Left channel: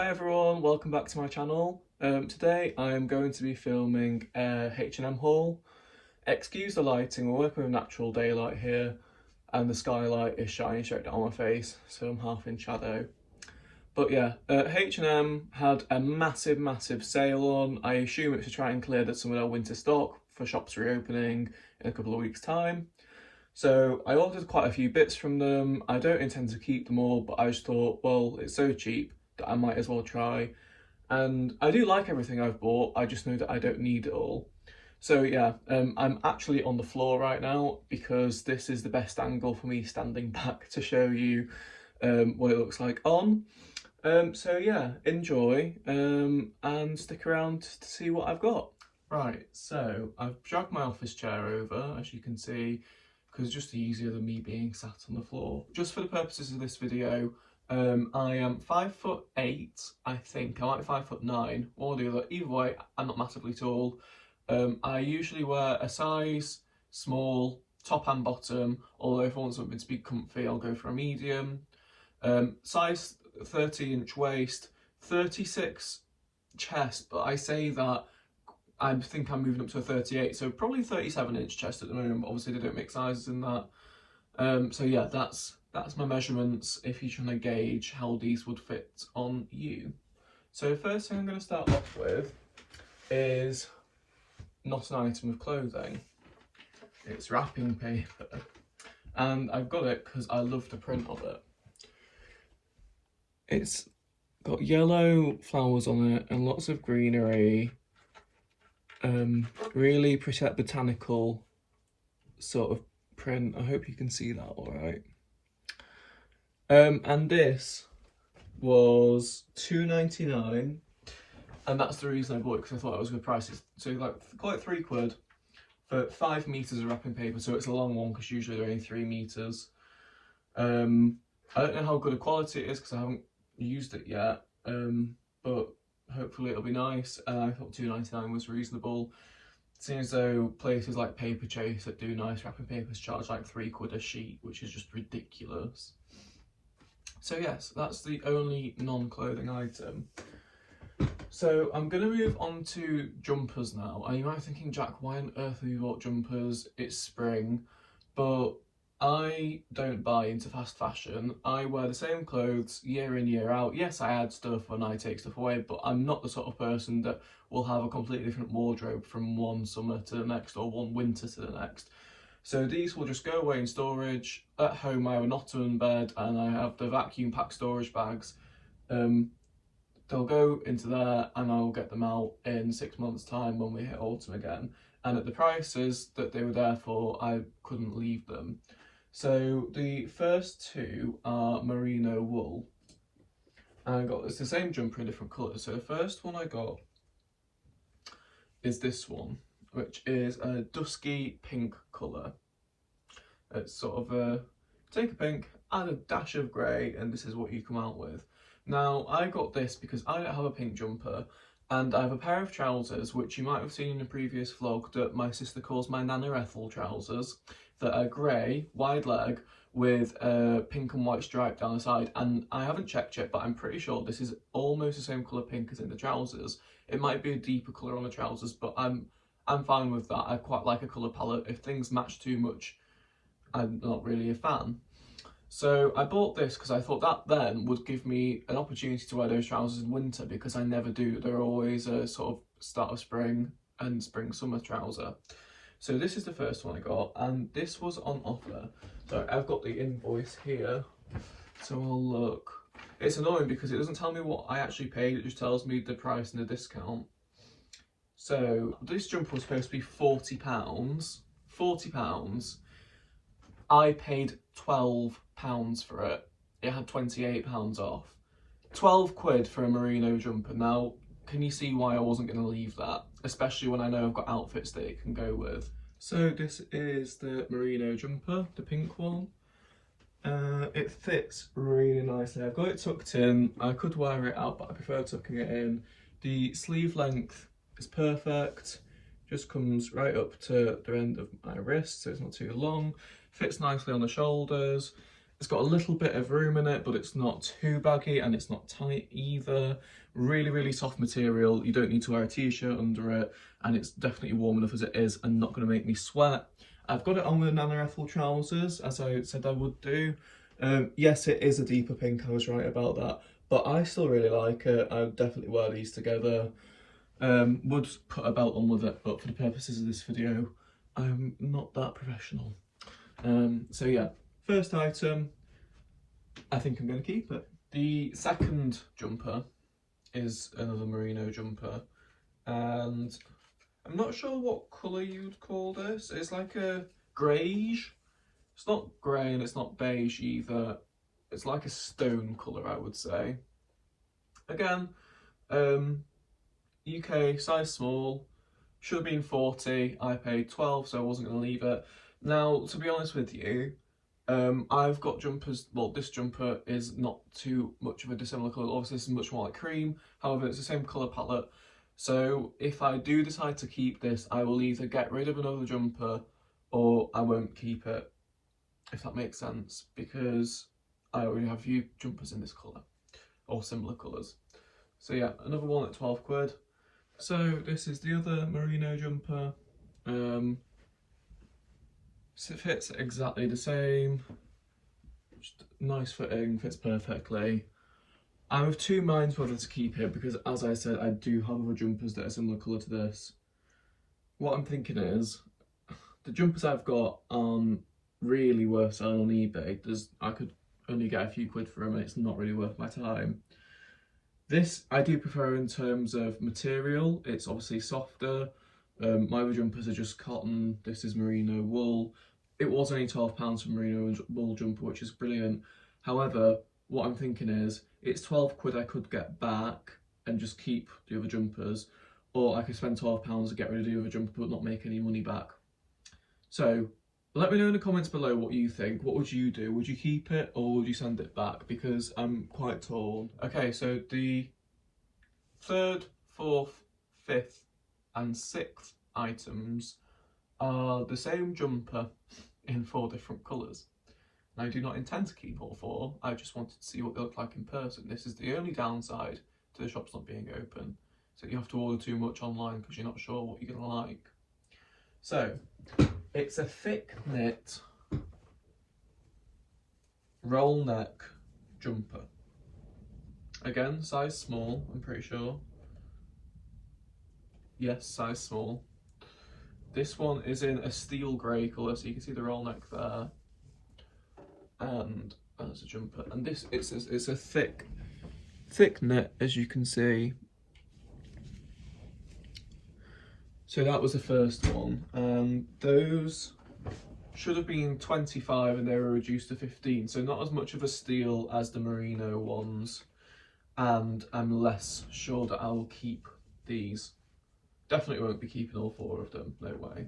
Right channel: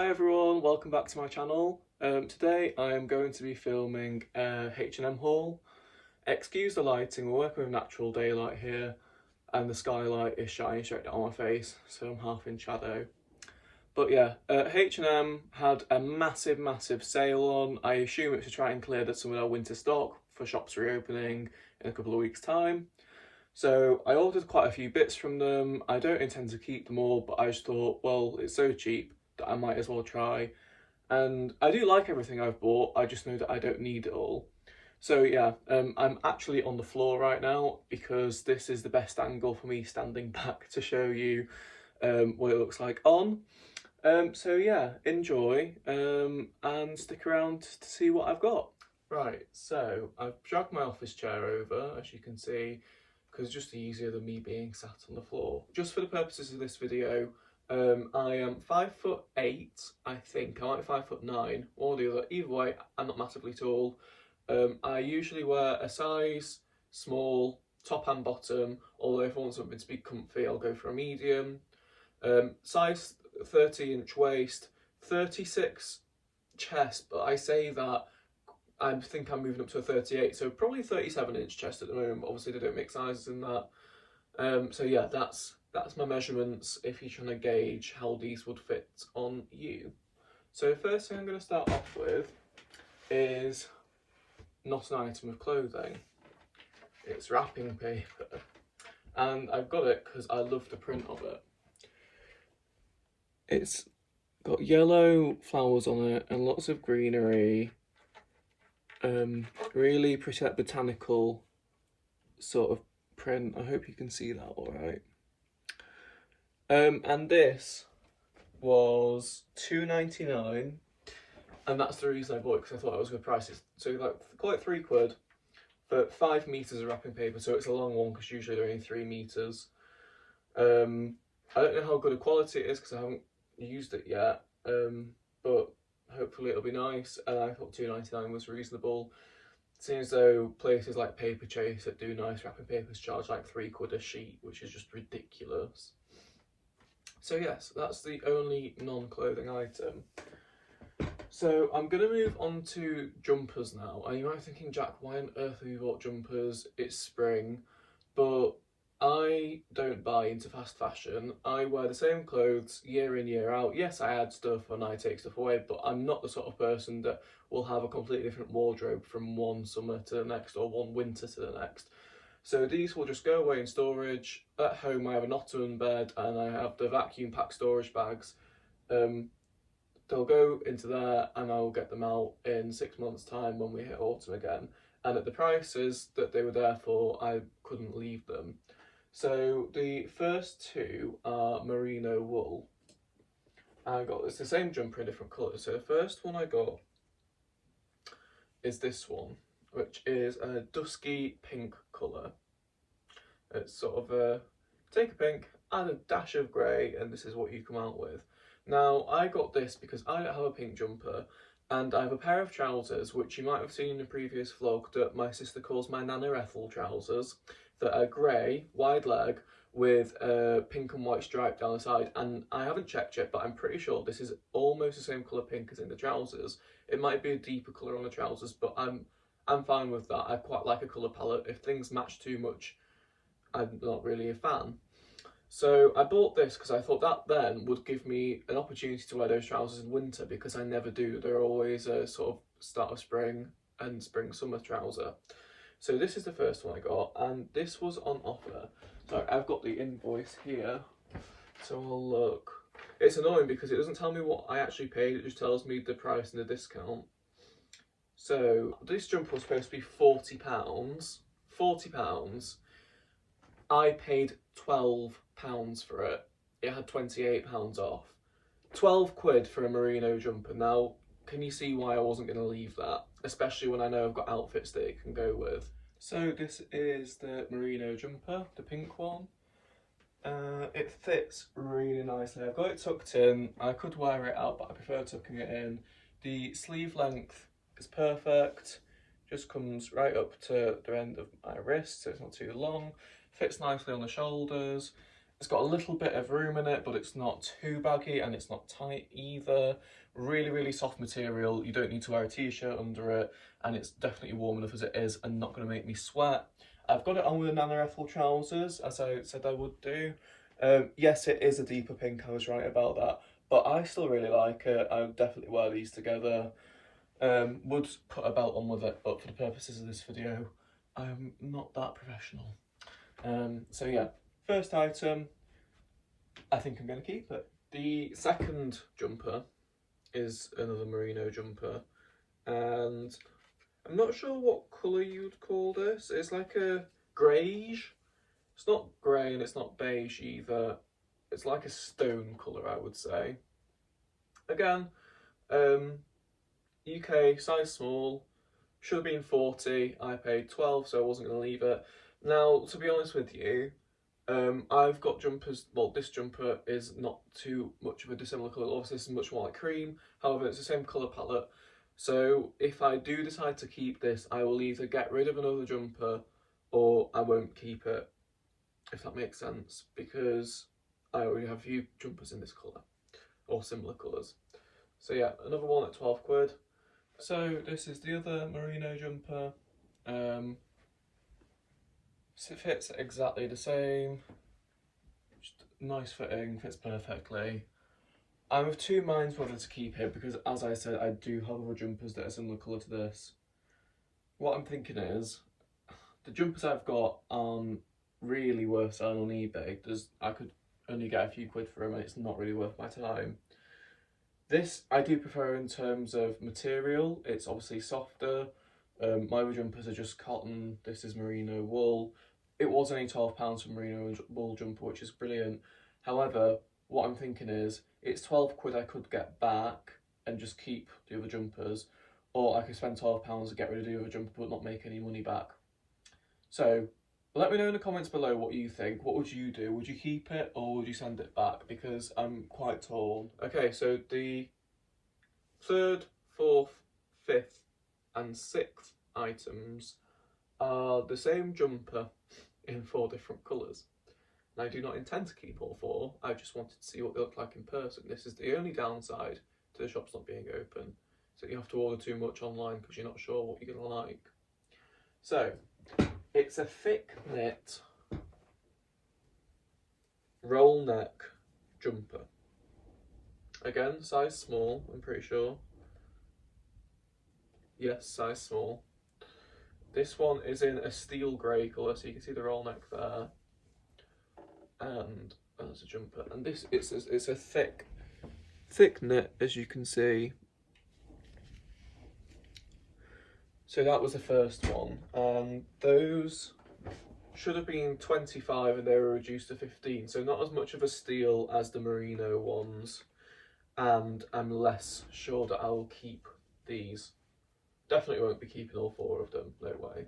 Hi everyone, welcome back to my channel. Today I am going to be filming a H&M haul. Excuse the lighting, we're working with natural daylight here and the skylight is shining straight down my face, so I'm half in shadow. But yeah, H&M had a massive sale on. I assume it's to try and clear some of their winter stock for shops reopening in a couple of weeks' time. So I ordered quite a few bits from them. I don't intend to keep them all, but I just thought, well, it's so cheap that I might as well try. And I do like everything I've bought, I just know that I don't need it all. So yeah, I'm actually on the floor right now because this is the best angle for me standing back to show you what it looks like on. So yeah, enjoy and stick around to see what I've got. Right, so I've dragged my office chair over, as you can see, because it's just easier than me being sat on the floor. Just for the purposes of this video, I am 5'8", I think. I might be 5'9", or the other. Either way, I'm not massively tall. I usually wear a size small, top and bottom, although if I want something to be comfy, I'll go for a medium. Size 30-inch waist, 36 chest, but I say that I think I'm moving up to a 38, so probably 37-inch chest at the moment. Obviously, they don't make sizes in that. So yeah, that's my measurements if you're trying to gauge how these would fit on you. So first thing I'm going to start off with is not an item of clothing. It's wrapping paper, and I've got it because I love the print of it. It's got yellow flowers on it and lots of greenery. Really pretty, like, botanical sort of print. I hope you can see that all right. And this was £2.99, and that's the reason I bought it, because I thought it was a good price. So like, call it £3 for 5 meters of wrapping paper. So it's a long one because usually they're only 3 meters. I don't know how good a quality it is because I haven't used it yet, but hopefully it'll be nice. And I thought £2.99 was reasonable. It seems though places like Paper Chase that do nice wrapping papers charge like £3 a sheet, which is just ridiculous. So yes, that's the only non-clothing item. So I'm going to move on to jumpers now. And you might be thinking, Jack, why on earth have you bought jumpers? It's spring. But I don't buy into fast fashion. I wear the same clothes year in, year out. Yes, I add stuff and I take stuff away, but I'm not the sort of person that will have a completely different wardrobe from one summer to the next or one winter to the next. So these will just go away in storage. At home I have an ottoman bed and I have the vacuum packed storage bags. They'll go into there and I'll get them out in 6 months' time when we hit autumn again. And at the prices that they were there for, I couldn't leave them. So the first two are merino wool. And it's the same jumper in different colours. So the first one I got is this one, which is a dusky pink colour. It's sort of a, take a pink, add a dash of grey, and this is what you come out with. Now, I got this because I don't have a pink jumper, and I have a pair of trousers, which you might have seen in a previous vlog, that my sister calls my Nana Ethel trousers, that are grey, wide leg, with a pink and white stripe down the side. And I haven't checked yet, but I'm pretty sure this is almost the same colour pink as in the trousers. It might be a deeper colour on the trousers, but I'm fine with that. I quite like a colour palette. If things match too much, I'm not really a fan. So I bought this because I thought that then would give me an opportunity to wear those trousers in winter, because I never do. They're always a sort of start of spring and spring-summer trouser. So this is the first one I got, and this was on offer. So I've got the invoice here, so I'll look. It's annoying because it doesn't tell me what I actually paid, it just tells me the price and the discount. So this jumper was supposed to be £40. £40. I paid £12 for it. It had £28 off. £12 for a merino jumper. Now, can you see why I wasn't going to leave that? Especially when I know I've got outfits that it can go with. So this is the merino jumper, the pink one. It fits really nicely. I've got it tucked in. I could wear it out, but I prefer tucking it in. The sleeve length is perfect. Just comes right up to the end of my wrist, so it's not too long. Fits nicely on the shoulders. It's got a little bit of room in it, but it's not too baggy and it's not tight either. Really, really soft material. You don't need to wear a t-shirt under it, and it's definitely warm enough as it is and not going to make me sweat. I've got it on with the Nana Ethel trousers, as I said I would do. Yes, it is a deeper pink, I was right about that, but I still really like it. I would definitely wear these together. Would put a belt on with it, but for the purposes of this video, I'm not that professional. So yeah, first item, I think I'm going to keep it. The second jumper is another Merino jumper, and I'm not sure what colour you'd call this. It's like a greige. It's not grey and it's not beige either. It's like a stone colour, I would say. Again, UK, size small, should have been 40. I paid 12, so I wasn't going to leave it. Now, to be honest with you, I've got jumpers. Well, this jumper is not too much of a dissimilar colour. Obviously, this is much more like cream. However, it's the same colour palette. So if I do decide to keep this, I will either get rid of another jumper or I won't keep it, if that makes sense, because I already have a few jumpers in this colour or similar colours. So yeah, another one at 12 quid. So this is the other Merino jumper. So it fits exactly the same. Just nice fitting, fits perfectly. I'm of two minds whether to keep it because, as I said, I do have other jumpers that are similar colour to this. What I'm thinking is, the jumpers I've got aren't really worth selling on eBay. I could only get a few quid for them and it's not really worth my time. This I do prefer in terms of material. It's obviously softer. My other jumpers are just cotton. This is merino wool. It was only £12 for merino wool jumper, which is brilliant. However, what I'm thinking is, it's 12 quid I could get back and just keep the other jumpers, or I could spend £12 to get rid of the other jumper but not make any money back. So let me know in the comments below what you think. What would you do? Would you keep it or would you send it back? Because I'm quite torn. Okay, so the third, fourth, fifth and sixth items are the same jumper in 4 different colours. And I do not intend to keep all 4, I just wanted to see what they look like in person. This is the only downside to the shops not being open, so you have to order too much online because you're not sure what you're going to like. So, it's a thick knit roll neck jumper. Again, size small, I'm pretty sure. Yes, size small. This one is in a steel grey colour, so you can see the roll neck there. And that's a jumper. And this it's a thick knit, as you can see. So that was the first one. Those should have been 25 and they were reduced to 15. So not as much of a steal as the merino ones. And I'm less sure that I will keep these. Definitely won't be keeping all 4 of them, no way.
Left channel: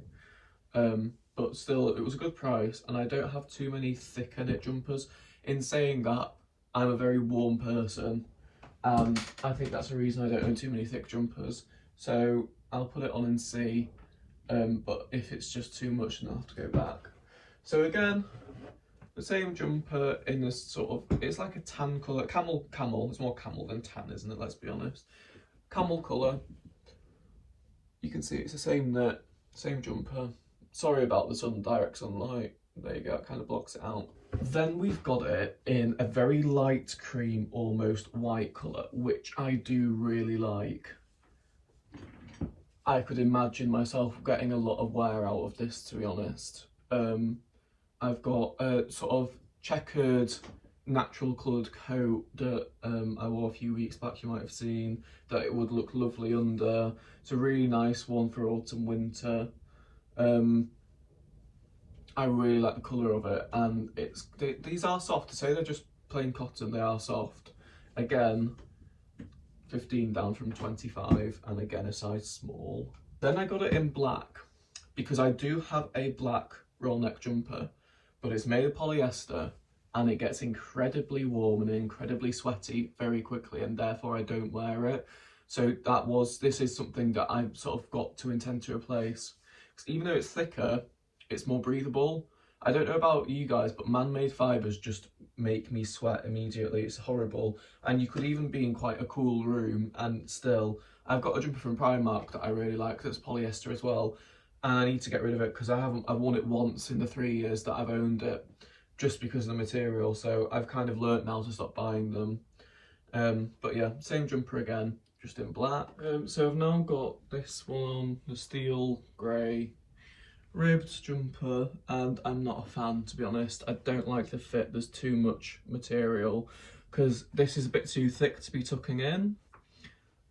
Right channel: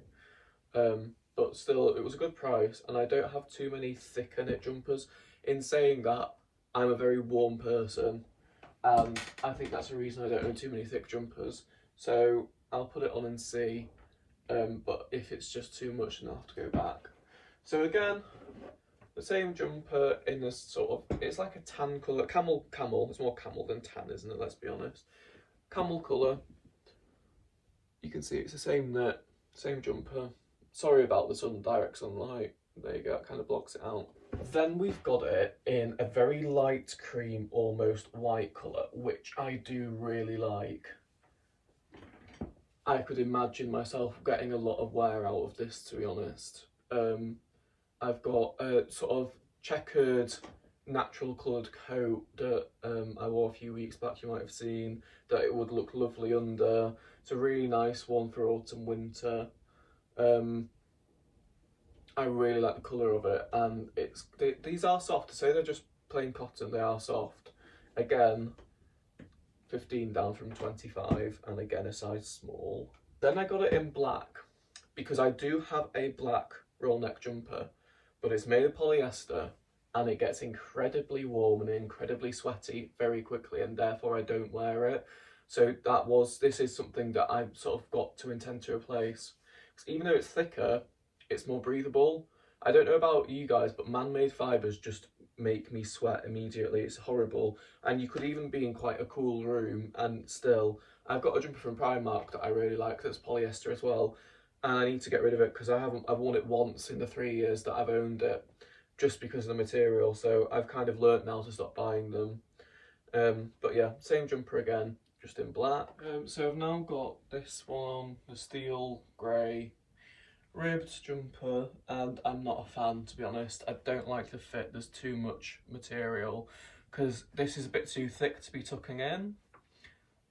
But still, it was a good price, and I don't have too many thicker knit jumpers. In saying that, I'm a very warm person, and I think that's the reason I don't own too many thick jumpers. So I'll put it on and see, but if it's just too much, then I'll have to go back. So again, the same jumper in this sort of, it's like a tan colour, camel, it's more camel than tan, isn't it, let's be honest. Camel colour. You can see it's the same knit, same jumper. Sorry about the direct sunlight. There you go, it kind of blocks it out. Then we've got it in a very light cream, almost white colour, which I do really like. I could imagine myself getting a lot of wear out of this, to be honest. I've got a sort of checkered, natural coloured coat that I wore a few weeks back, you might have seen, that it would look lovely under. It's a really nice one for autumn, winter. I really like the colour of it, and these are soft. To say they're just plain cotton, they are soft. Again, 15 down from 25, and again a size small. Then I got it in black, because I do have a black roll neck jumper, but it's made of polyester, and it gets incredibly warm and incredibly sweaty very quickly, and therefore I don't wear it. So this is something that I've sort of got to intend to replace. Because even though it's thicker, it's more breathable. I don't know about you guys, but man-made fibres just make me sweat immediately. It's horrible. And you could even be in quite a cool room and still... I've got a jumper from Primark that I really like that's polyester as well, and I need to get rid of it because I've worn it once in the 3 years that I've owned it, just because of the material. So I've kind of learnt now to stop buying them. But yeah, same jumper again, just in black. So I've now got this one, the steel grey ribbed jumper, and I'm not a fan, to be honest. I don't like the fit. There's too much material because this is a bit too thick to be tucking in.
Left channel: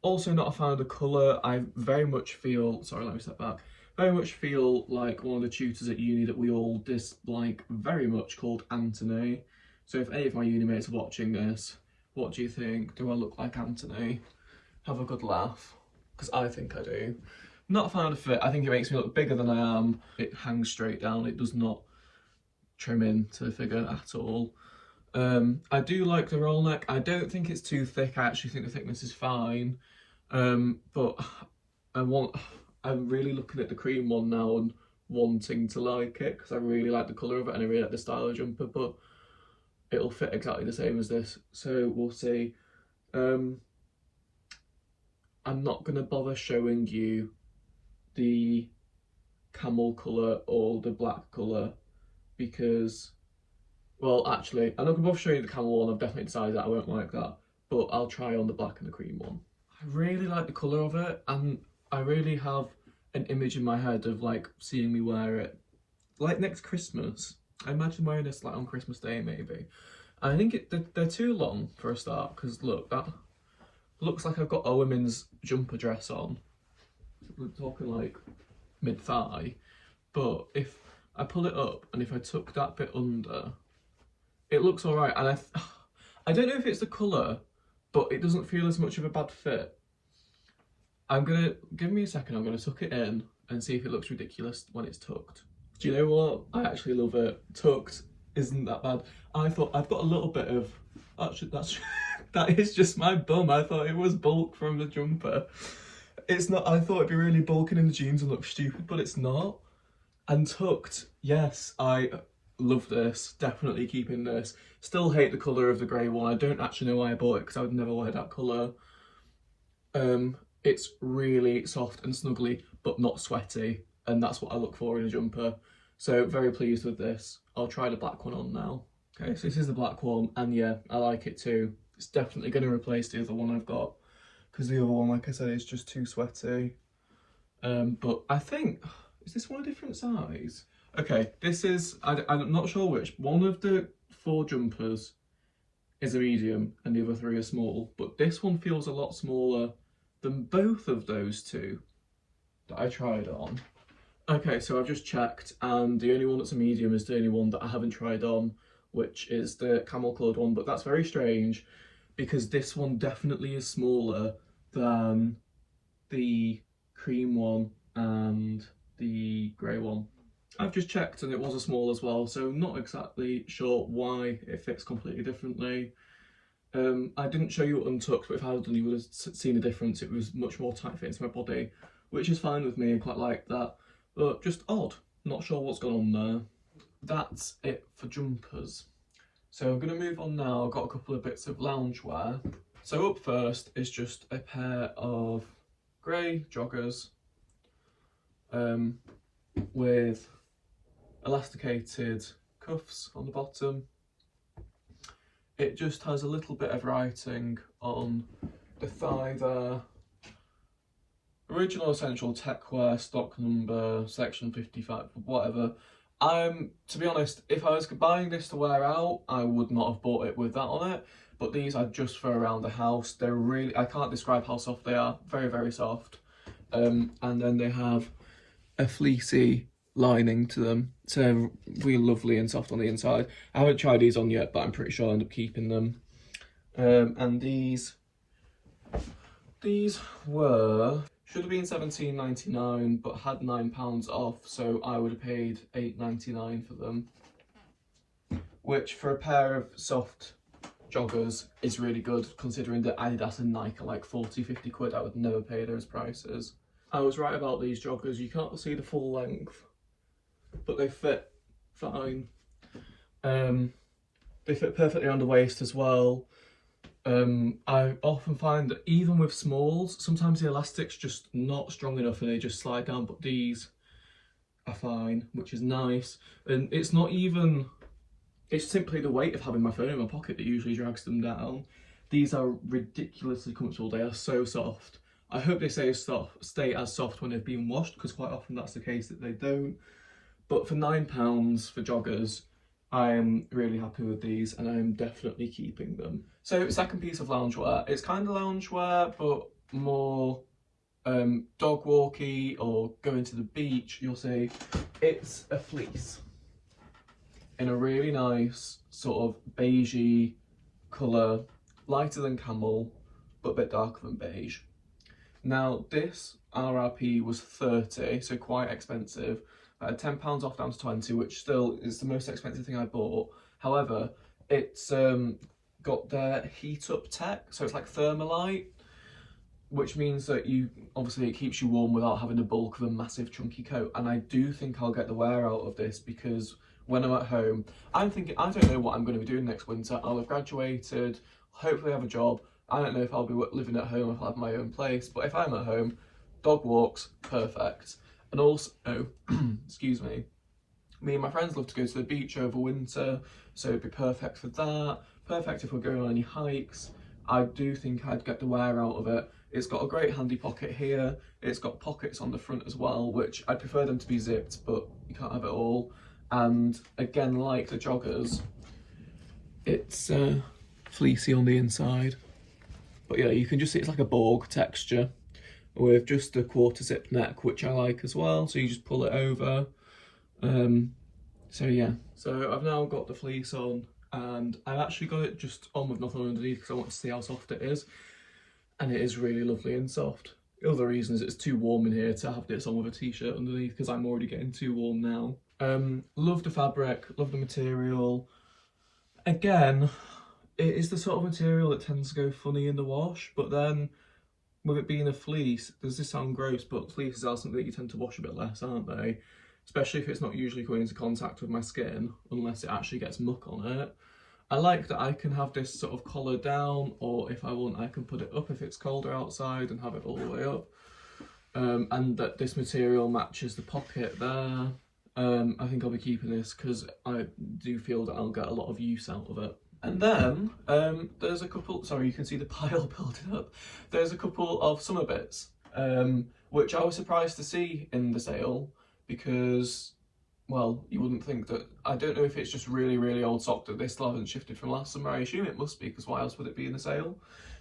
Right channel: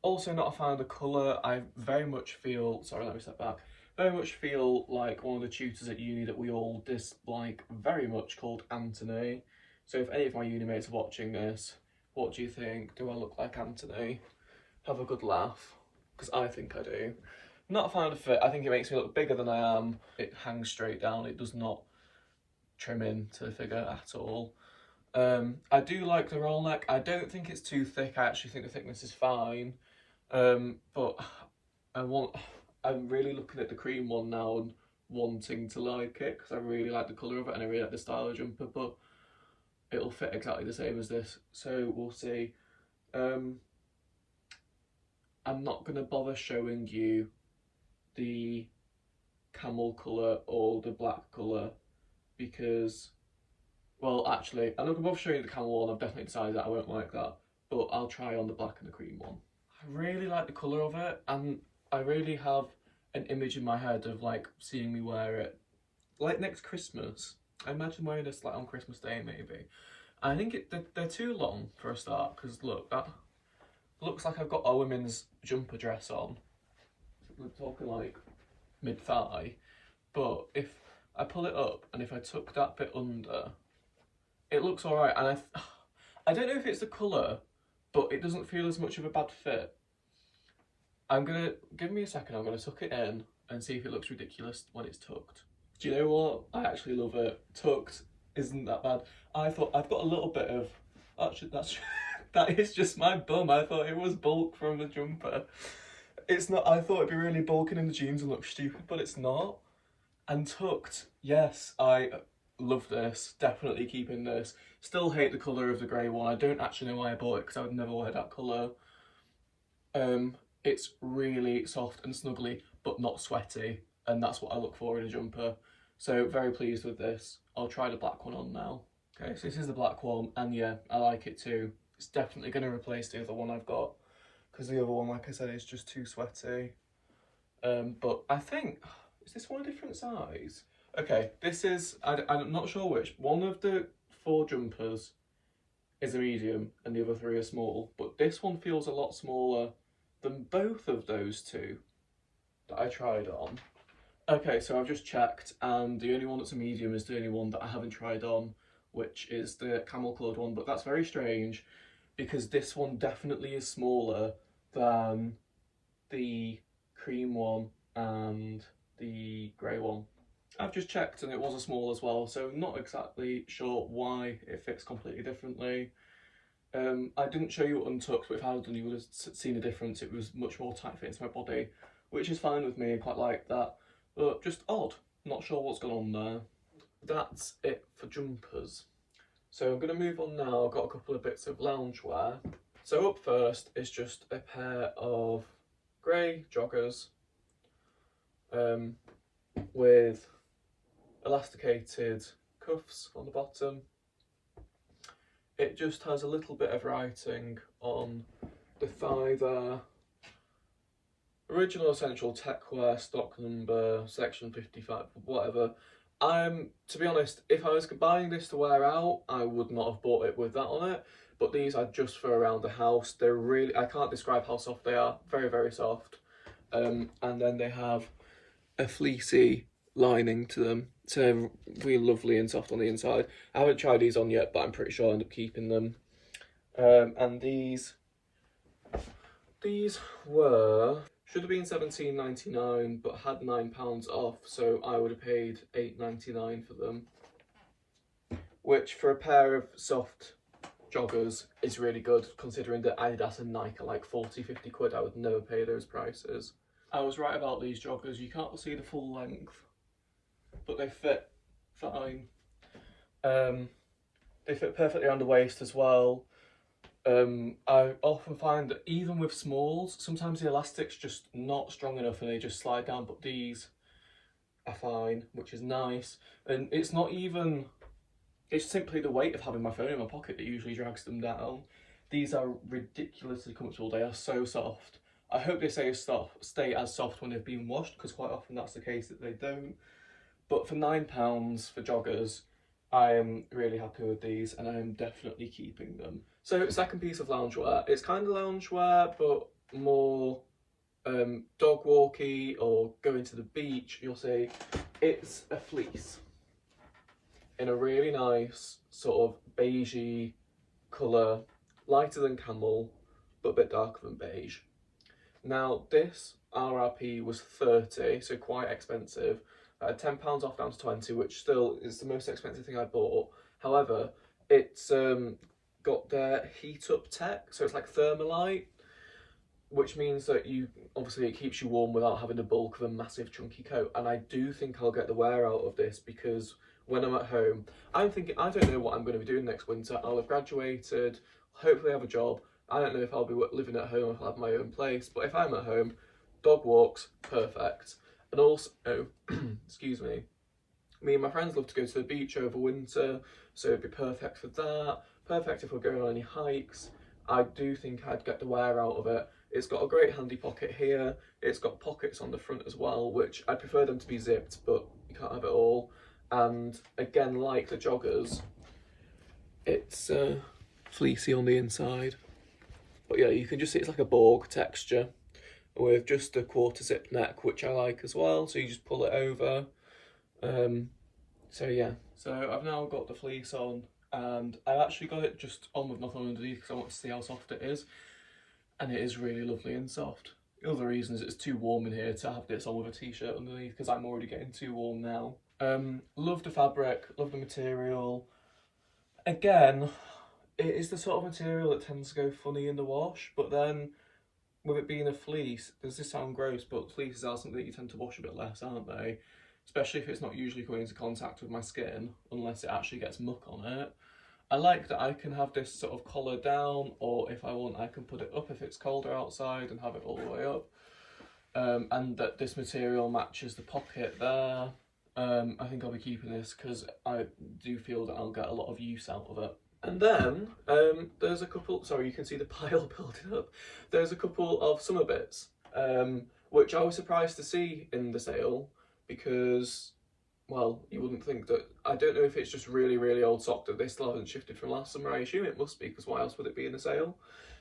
Also not a fan of the colour. I very much feel, sorry, let me step back, very much feel like one of the tutors at uni that we all dislike very much, called Anthony. So if any of my uni mates are watching this, what do you think? Do I look like Anthony? Have a good laugh, because I think I do. Not a fan of the fit. I think it makes me look bigger than I am. It hangs straight down. It does not trim into the figure at all. I do like the roll neck. I don't think it's too thick. I actually think the thickness is fine. But I'm really looking at the cream one now and wanting to like it because I really like the colour of it and I really like the style of jumper, but it'll fit exactly the same as this, so we'll see. I'm not going to bother showing you the camel colour or the black colour because, well, actually, I'm not going to bother showing you the camel one. I've definitely decided that I won't like that, but I'll try on the black and the cream one. I really like the colour of it, and I really have an image in my head of like seeing me wear it like next Christmas. I imagine wearing this like on Christmas Day maybe. I think they're too long for a start because look, that looks like I've got a women's jumper dress on. We're talking like mid-thigh, but if I pull it up and if I tuck that bit under, it looks alright. And I don't know if it's the colour, but it doesn't feel as much of a bad fit. Give me a second, I'm gonna tuck it in and see if it looks ridiculous when it's tucked. Do you know what? I actually love it. Tucked isn't that bad. I thought I've got a little bit of, actually that is just my bum. I thought it was bulk from the jumper. It's not. I thought it'd be really bulking in the jeans and look stupid, but it's not. And tucked, yes, I love this. Definitely keeping this. Still hate the colour of the grey one. I don't actually know why I bought it because I would never wear that colour. It's really soft and snuggly, but not sweaty, and that's what I look for in a jumper. So very pleased with this. I'll try the black one on now. Okay, so this is the black one, and yeah, I like it too. It's definitely going to replace the other one I've got, because the other one, like I said, is just too sweaty. But I think, is this one a different size? Okay, this is, I'm not sure which. One of the 4 jumpers is a medium, and the other 3 are small, but this one feels a lot smaller than both of those 2 that I tried on. Okay, so I've just checked, and the only one that's a medium is the only one that I haven't tried on, which is the camel coloured one, but that's very strange because this one definitely is smaller than the cream one and the grey one. I've just checked and it was a small as well, so not exactly sure why it fits completely differently. I didn't show you untucked, but if I had done, you would have seen the difference. It was much more tight fitting to my body, which is fine with me. I quite like that, but just odd. Not sure what's gone on there. That's it for jumpers. So I'm going to move on now. I've got a couple of bits of loungewear. So up first is just a pair of grey joggers with elasticated cuffs on the bottom. It just has a little bit of writing on the thigh there. Original Essential Techwear, stock number, section 55, whatever. To be honest, if I was buying this to wear out, I would not have bought it with that on it. But these are just for around the house. They're really, I can't describe how soft they are. Very, very soft. And then they have a fleecy lining to them, so really lovely and soft on the inside. I haven't tried these on yet, but I'm pretty sure I'll end up keeping them. And these were, should have been £17.99, but had £9 off, so I would have paid £8.99 for them, which for a pair of soft joggers is really good, considering that Adidas and Nike are like 40-50 quid. I would never pay those prices. I was right about these joggers. You can't see the full length, but they fit fine. They fit perfectly around the waist as well. I often find that even with smalls, sometimes the elastic's just not strong enough and they just slide down, but these are fine, which is nice. And it's not even, it's simply the weight of having my phone in my pocket that usually drags them down. These are ridiculously comfortable. They are so soft. I hope they stay as soft when they've been washed, because quite often that's the case that they don't. But for £9 for joggers, I am really happy with these and I am definitely keeping them. So second piece of loungewear. It's kind of loungewear, but more dog walky or going to the beach, you'll see. It's a fleece in a really nice sort of beigey colour, lighter than camel, but a bit darker than beige. Now this RRP was 30, so quite expensive. £10 off down to 20, which still is the most expensive thing I bought. However, it's got their heat up tech, so it's like Thermalite, which means that obviously it keeps you warm without having the bulk of a massive chunky coat. And I do think I'll get the wear out of this, because when I'm at home, I'm thinking, I don't know what I'm going to be doing next winter. I'll have graduated, hopefully have a job. I don't know if I'll be living at home or if I'll have my own place, but if I'm at home, dog walks, perfect. And also, excuse me and my friends love to go to the beach over winter, so it'd be perfect for that. Perfect if we're going on any hikes. I do think I'd get the wear out of it. It's got a great handy pocket here. It's got pockets on the front as well, which I prefer them to be zipped, but you can't have it all. And again, like the joggers, it's fleecy on the inside. But yeah, you can just see it's like a Borg texture with just a quarter zip neck, which I like as well. So you just pull it over. So yeah, so I've now got the fleece on, and I've actually got it just on with nothing underneath because I want to see how soft it is. And it is really lovely and soft. The other reason is it's too warm in here to have this on with a t-shirt underneath, because I'm already getting too warm now. Love the fabric, love the material. Again, it is the sort of material that tends to go funny in the wash, but then with it being a fleece, does this sound gross, but fleeces are something that you tend to wash a bit less, aren't they? Especially if it's not usually coming into contact with my skin, unless it actually gets muck on it. I like that I can have this sort of collar down, or if I want, I can put it up if it's colder outside and have it all the way up. And that this material matches the pocket there. I think I'll be keeping this because I do feel that I'll get a lot of use out of it. And then there's a couple, sorry, you can see the pile building up. There's a couple of summer bits, which I was surprised to see in the sale because, well, you wouldn't think that. I don't know if it's just really, really old sock that they still haven't shifted from last summer. I assume it must be, because why else would it be in the sale?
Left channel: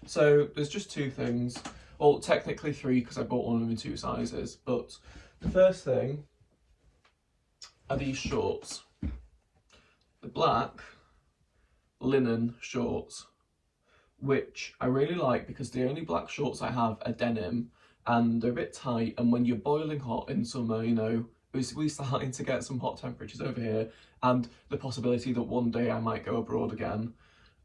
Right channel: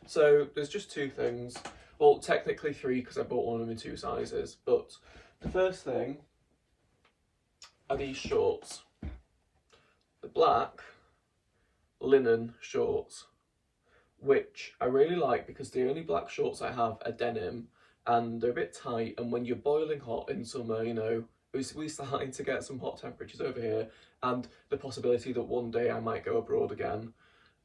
So there's just two things. Well, technically three, because I bought one of them in two sizes. But the first thing are these shorts. The black linen shorts, which I really like because the only black shorts I have are denim, and they're a bit tight, and when you're boiling hot in summer, you know, we're starting to get some hot temperatures over here, and the possibility that one day I might go abroad again,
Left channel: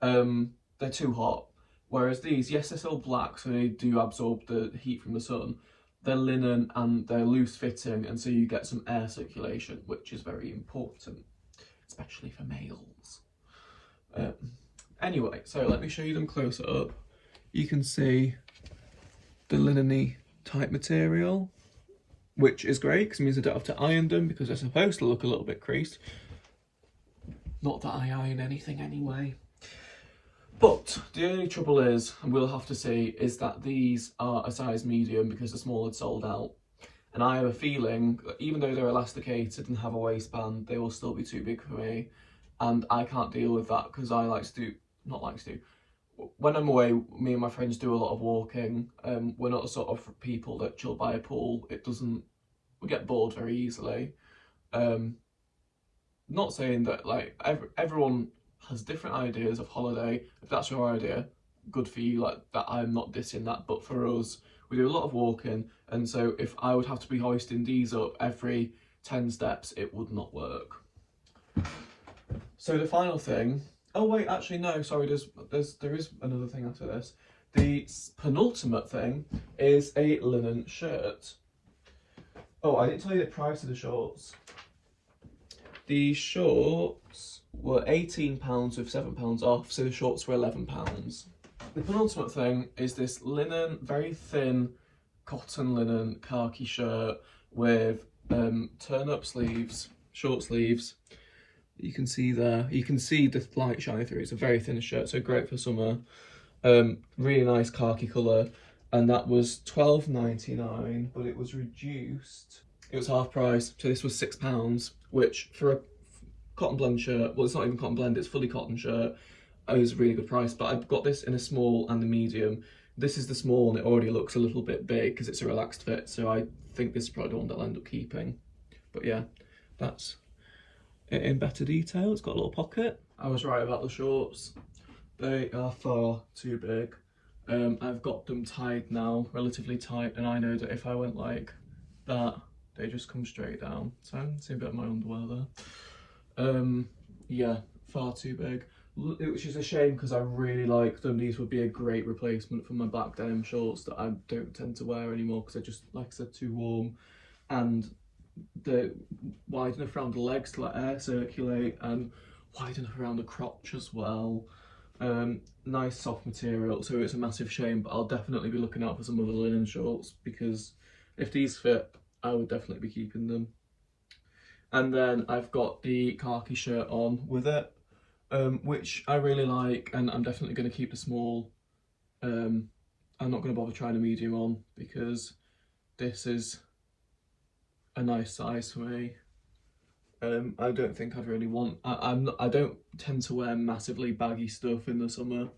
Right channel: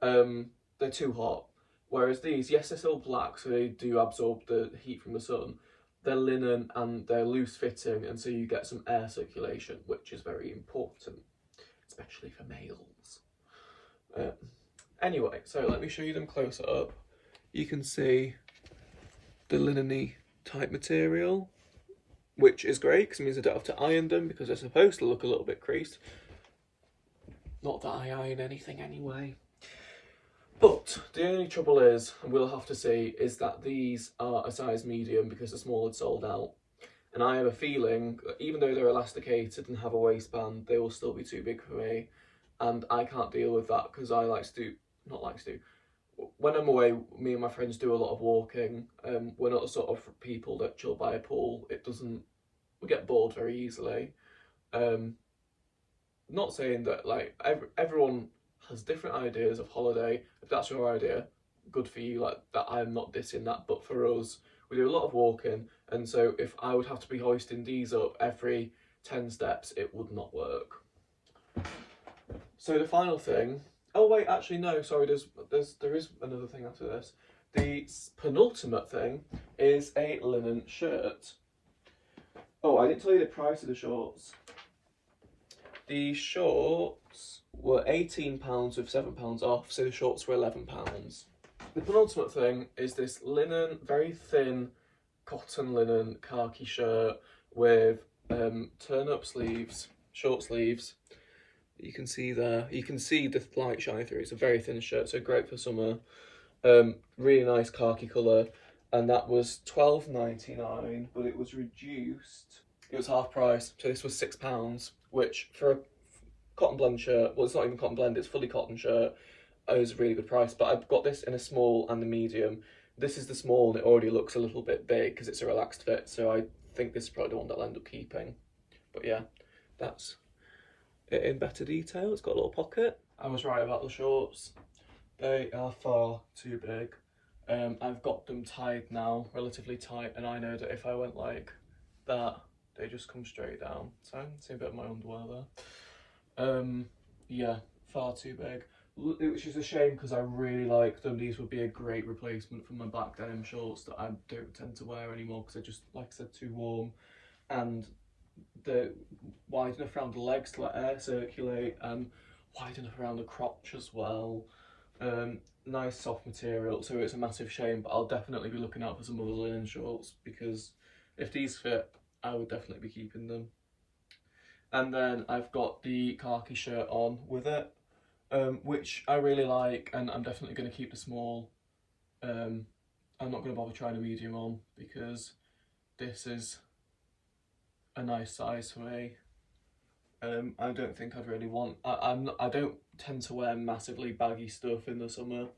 they're too hot. Whereas these, yes, they're still black, so they do absorb the heat from the sun. They're linen and they're loose fitting, and so you get some air circulation, which is very important, especially for males. Anyway, so let me show you them closer up. You can see the linen-y type material, which is great because it means I don't have to iron them because they're supposed to look a little bit creased. Not that I iron anything anyway. But the only trouble is, and we'll have to see, is that these are a size medium because the small had sold out. And I have a feeling that even though they're elasticated and have a waistband, they will still be too big for me. And I can't deal with that because I when I'm away, me and my friends do a lot of walking. We're not the sort of people that chill by a pool. We get bored very easily. Not saying that like everyone has different ideas of holiday. If that's your idea, good for you, like that. I'm not dissing that, but for us, we do a lot of walking, and so if I would have to be hoisting these up every 10 steps, it would not work. So the final thing, oh wait, actually no, sorry, there is another thing after this. The penultimate thing is a linen shirt. Oh, I didn't tell you the price of the shorts. The shorts were £18 with £7 off, so the shorts were £11. The penultimate thing is this linen, very thin cotton linen khaki shirt with turn-up sleeves, short sleeves. You can see there, you can see the light shining through. It's a very thin shirt, so great for summer. Really nice khaki colour, and that was £12.99, but it was reduced. It was half price, so this was £6, which for a cotton blend shirt, well, it's not even cotton blend, it's fully cotton shirt, it was a really good price. But I've got this in a small and a medium. This is the small, and it already looks a little bit big because it's a relaxed fit, so I think this is probably the one that I'll end up keeping. But yeah, that's it in better detail. It's got a little pocket. I was right about the shorts. They are far too big. I've got them tied now, relatively tight, and I know that if I went like that, they just come straight down. So I'm seeing a bit of my underwear there. Yeah, far too big. Which is a shame because I really like them. These would be a great replacement for my black denim shorts that I don't tend to wear anymore because they're just, like I said, too warm. And they're wide enough around the legs to let air circulate, and wide enough around the crotch as well. Nice soft material, so it's a massive shame, but I'll definitely be looking out for some other linen shorts because if these fit, I would definitely be keeping them. And then I've got the khaki shirt on with it, which I really like, and I'm definitely going to keep the small. I'm not going to bother trying a medium on because this is a nice size for me. I don't think I'd really want. I don't tend to wear massively baggy stuff in the summer.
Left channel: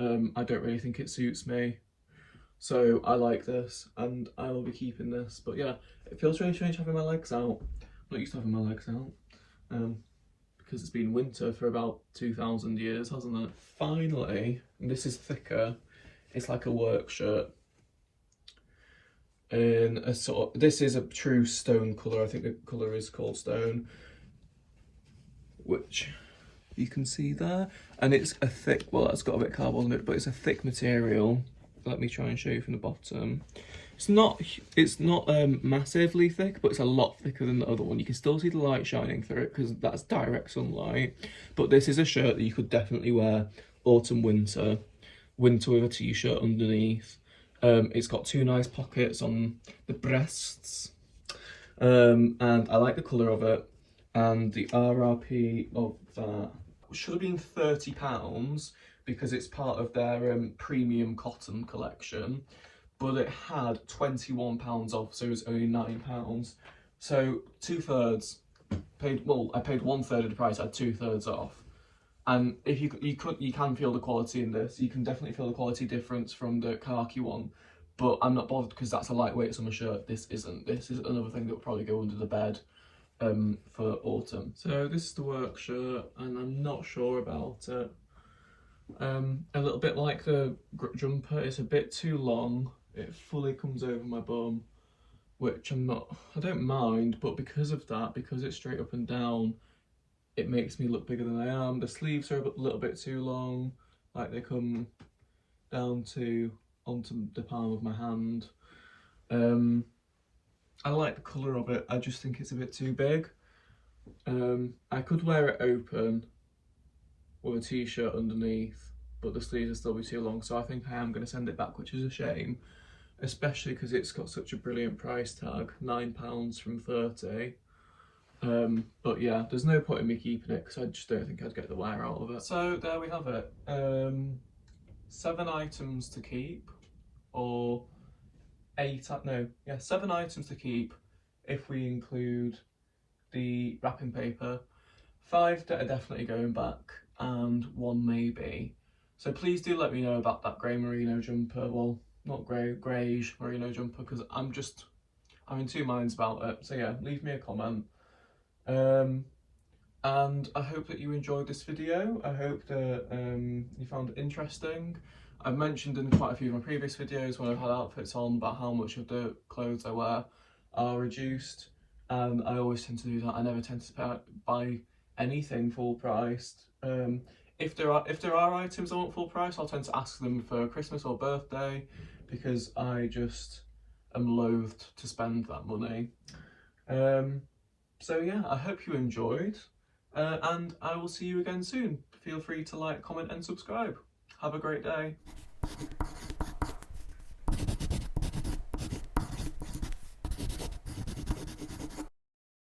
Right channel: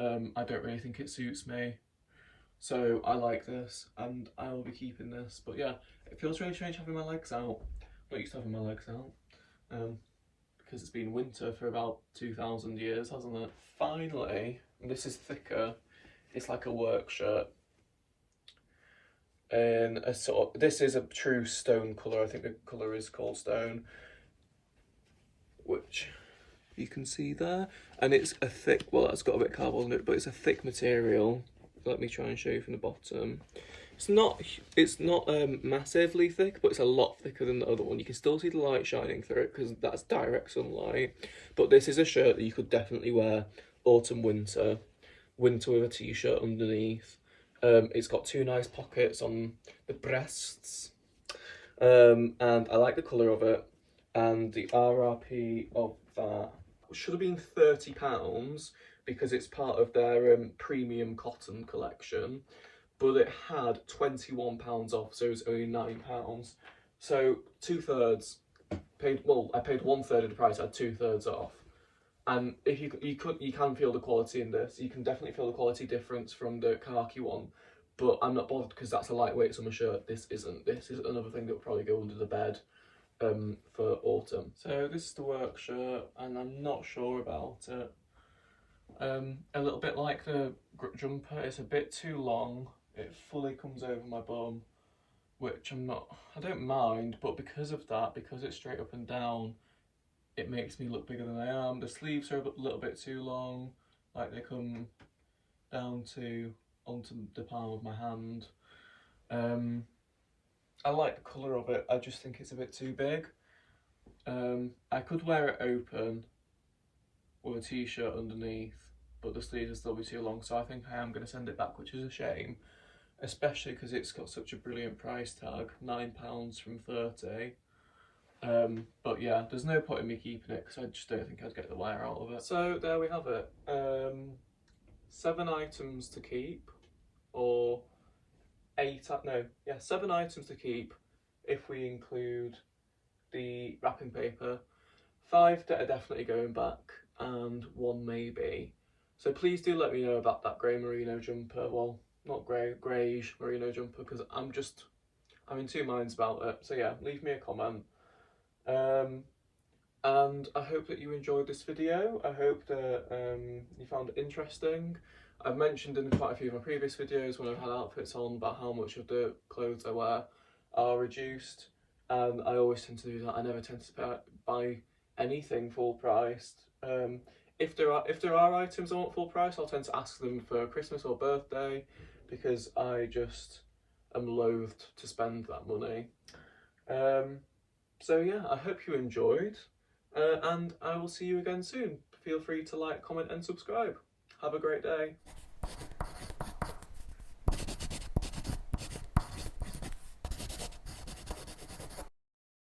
I don't really think it suits me, so I like this, and I will be keeping this. But yeah, it feels really strange having my legs out. I'm not used to having my legs out, because it's been winter for about 2,000 years, hasn't it? Finally, this is thicker. It's like a work shirt. In a sort of, this is a true stone colour. I think the colour is called stone, which you can see there, and it's a thick, well, it's got a bit of cardboard in it, but it's a thick material. Let me try and show you from the bottom. It's not massively thick, but it's a lot thicker than the other one. You can still see the light shining through it because that's direct sunlight. But this is a shirt that you could definitely wear autumn, winter with a t-shirt underneath. It's got two nice pockets on the breasts, and I like the colour of it. And the RRP of that should have been £30 because it's part of their premium cotton collection, but it had £21 off, so it was only £9. So 2/3 paid. Well, I paid 1/3 of the price. I had 2/3 off. And if you can feel the quality in this. You can definitely feel the quality difference from the khaki one, but I'm not bothered because that's a lightweight summer shirt. This isn't. This is another thing that will probably go under the bed for autumn. So this is the work shirt, and I'm not sure about it. A little bit like the jumper, it's a bit too long. It fully comes over my bum, which I don't mind, but because of that, because it's straight up and down, it makes me look bigger than I am. The sleeves are a little bit too long, like they come down onto the palm of my hand. I like the colour of it, I just think it's a bit too big. I could wear it open with a t-shirt underneath, but the sleeves will still be too long, so I think I am going to send it back, which is a shame, especially because it's got such a brilliant price tag, £9 from 30. But yeah, there's no point in me keeping it because I just don't think I'd get the wear out of it. So there we have it. 7 items to keep, or 7 items to keep if we include the wrapping paper. 5 that are definitely going back, and 1 maybe. So please do let me know about that grey merino jumper. Well, not grey, greyish merino jumper, because I'm in two minds about it. So yeah, leave me a comment. And I hope that you enjoyed this video. I hope that you found it interesting. I've mentioned in quite a few of my previous videos when I've had outfits on about how much of the clothes I wear are reduced, and I always tend to do that. I never tend to buy anything full priced. If there are items I want full price, I'll tend to ask them for Christmas or birthday because I just am loath to spend that money. So yeah, I hope you enjoyed, and I will see you again soon. Feel free to like, comment and subscribe. Have a great day.